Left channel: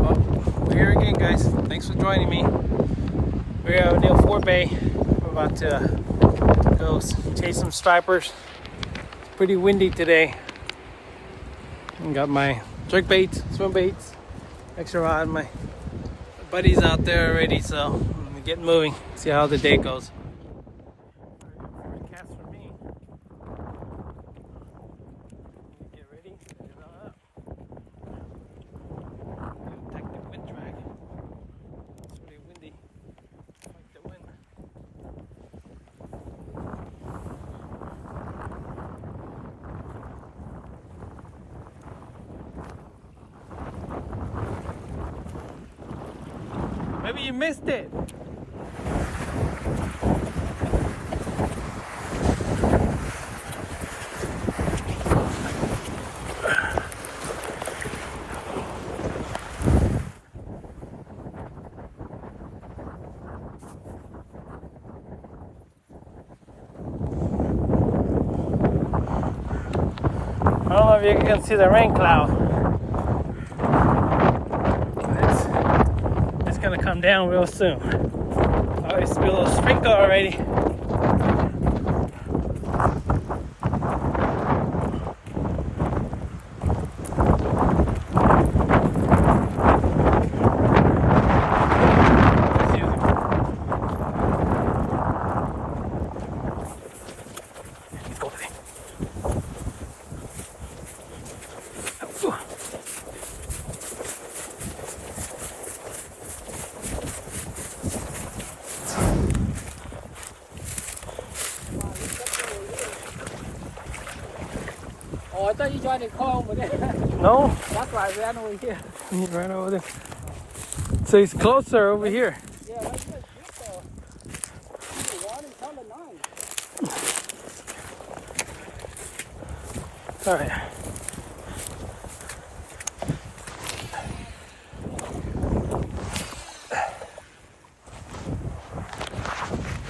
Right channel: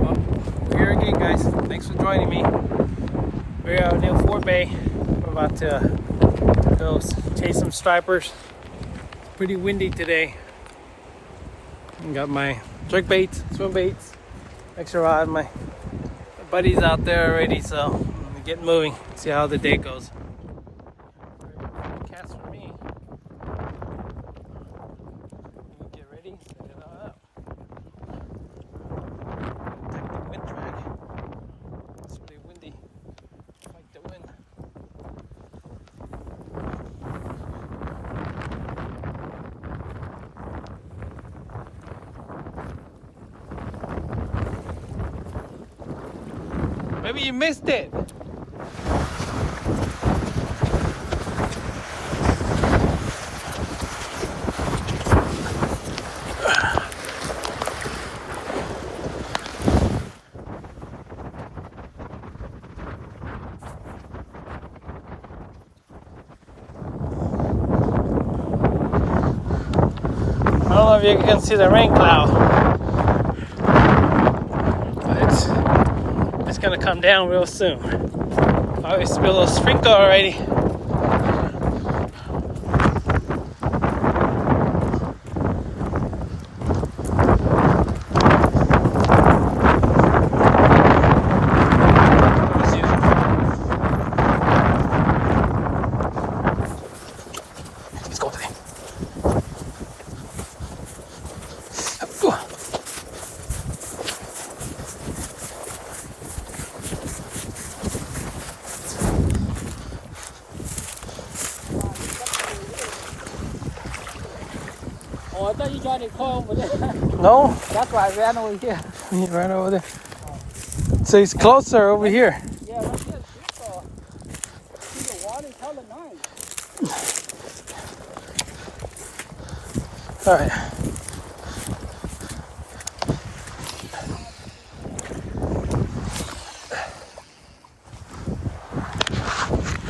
Well, we're here again, guys. Thanks for joining me. We're out near Forebay. We're about to go chase some stripers. It's pretty windy today. I got my jerk baits, swim baits, extra rod. My buddy's out there already, so I'm gonna get moving. See how the day goes. Cast for me. Get ready, set it all up. Take the wind drag. It's really windy. Fight the wind. Maybe you missed it. I don't know if you can see the rain cloud. But it's gonna come down real soon. Oh, it's a little sprinkle already. Let's go today. Oh, I thought you tried to call over there. No? That's why I ran over here. You ran over there. So he's closer over here. Yeah, right here is the water's coming on. All right.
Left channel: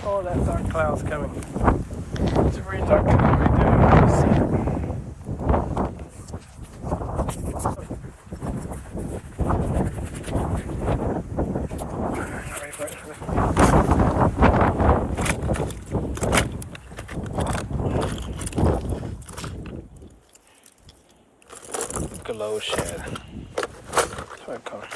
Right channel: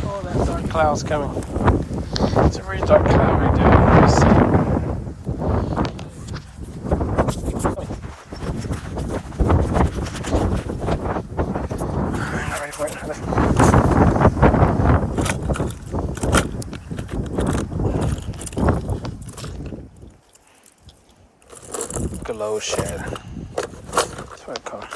Oh, that dark cloud's coming. It's a very dark cloud right there. You see it? Not ready for it. Glow shed. That's what I call it.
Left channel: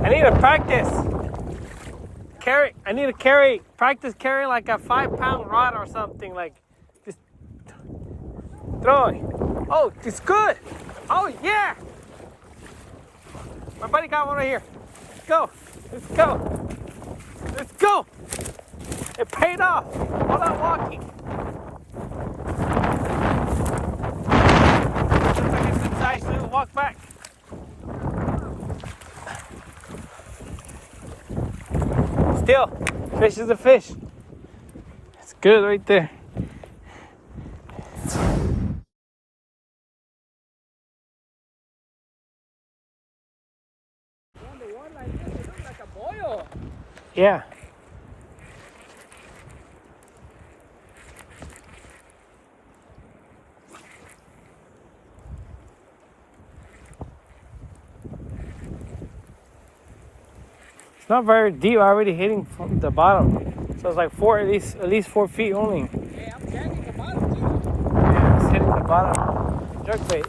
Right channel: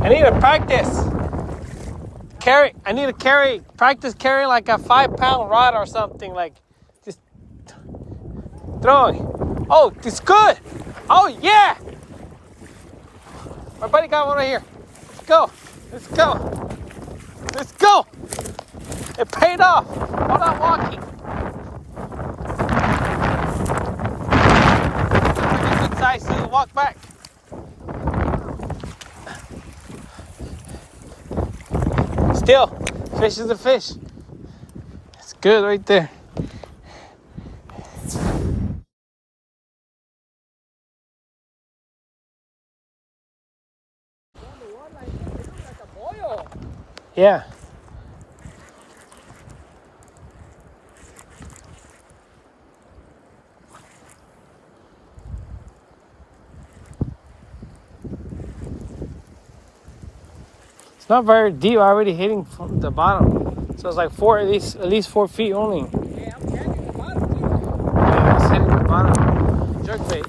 I need to practice. I need to practice carrying like a 5-pound rod or something, like just throwing. Oh, it's good. Oh yeah. My buddy got one right here. Let's go. Let's go. Let's go. It paid off. Hold on, walking. Looks like a good size to walk back. Still, fish is a fish. It's good right there. Yeah. It's not very deep, already hitting from the bottom. So it's like at least 4 feet only. Yeah, I'm catching the bottom too. Yeah, it's hitting the bottom. Jerk bait.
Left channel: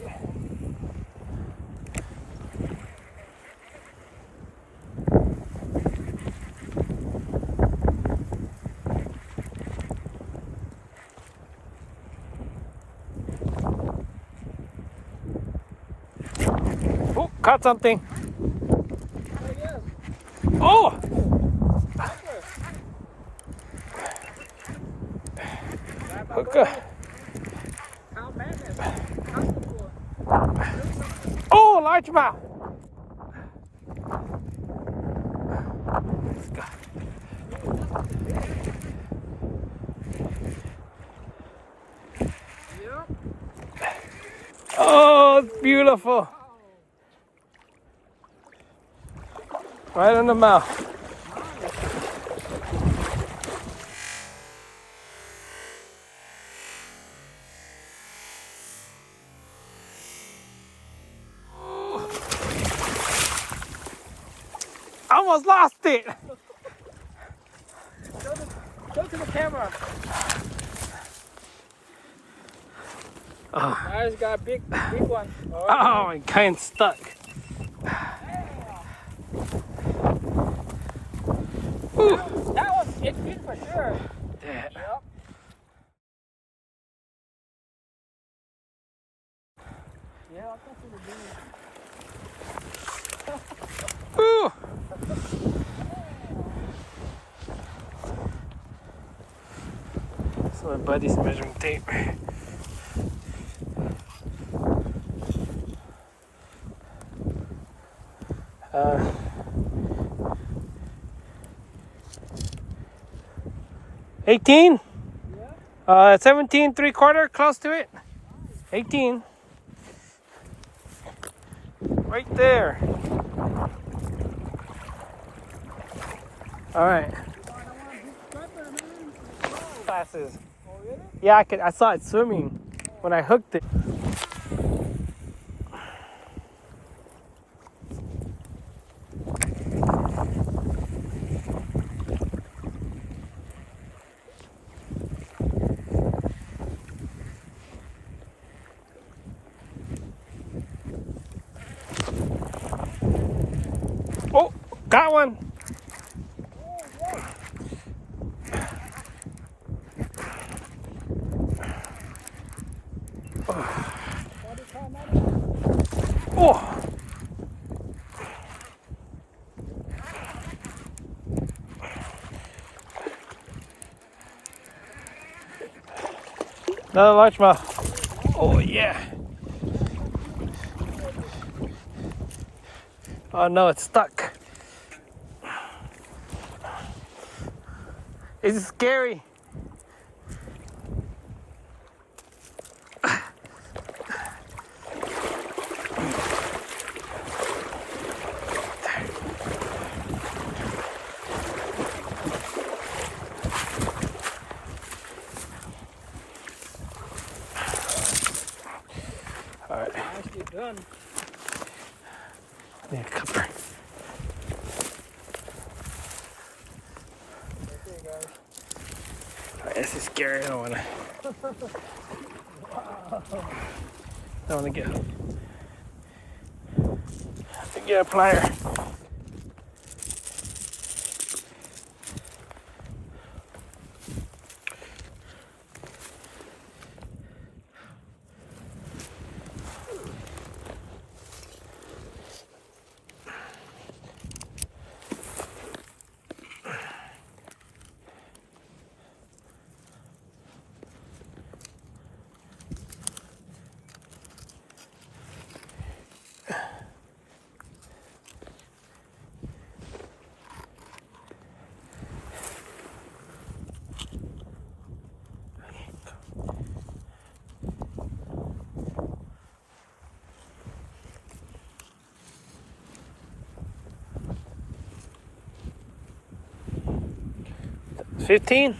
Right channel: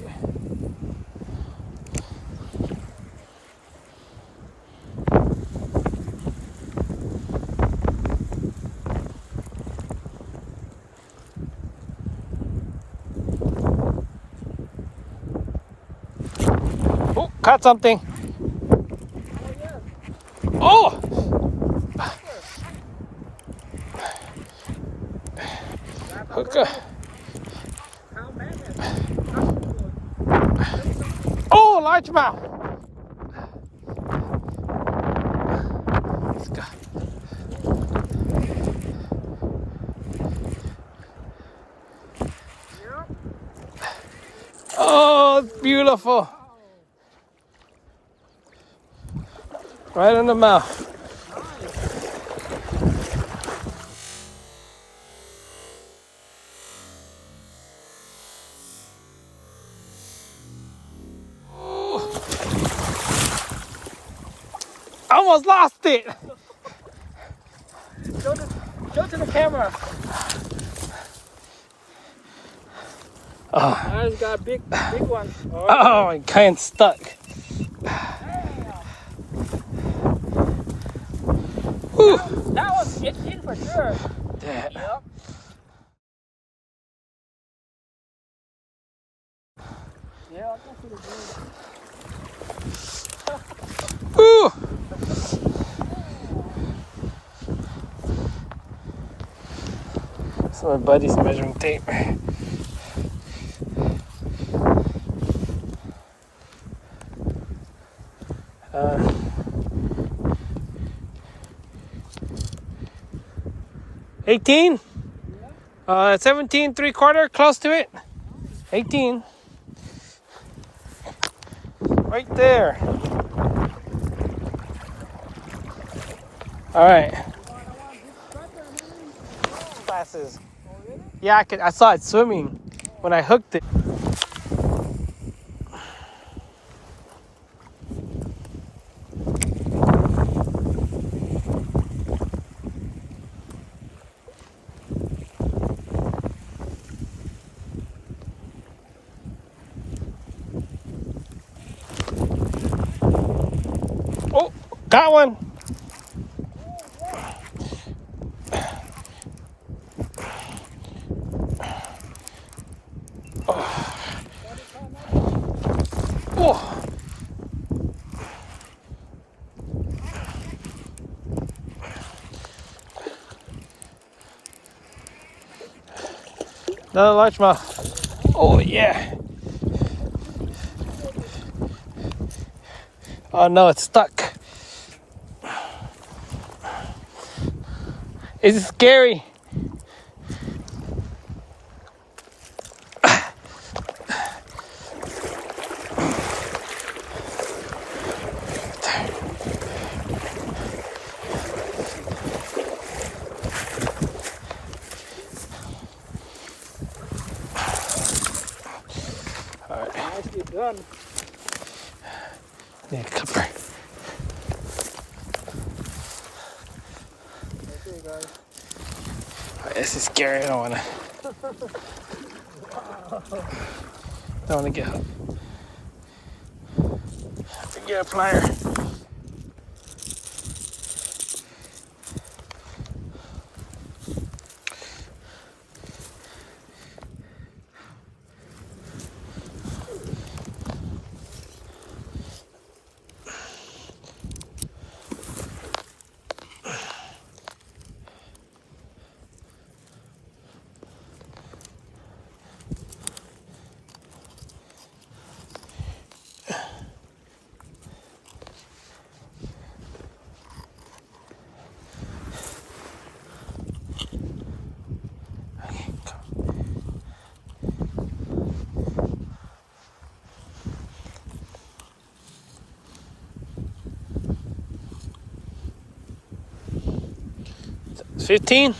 Oh, caught something. Oh! Hooker. Oh, largemouth. Let's go. Oh, it's beautiful. Right in the mouth. I almost lost it. Show to the camera. Oh, I just got a big one. oh, I'm kind of stuck. Whew. That one's 15 for sure. Yeah. Yep. Yeah. Whew. So my buddy's measuring tape. 18? 17 3/4, close to it. 18. Right there. All right. Glasses. Yeah, I saw it swimming when I hooked it. Oh, got one. Oh. Another largemouth. Oh yeah. Oh no, it's stuck. It's scary. All right. Nicely done. I need a cover. Okay, guys. Oh, this is scary. I don't want to get hooked. Have to get a plier. It's 15.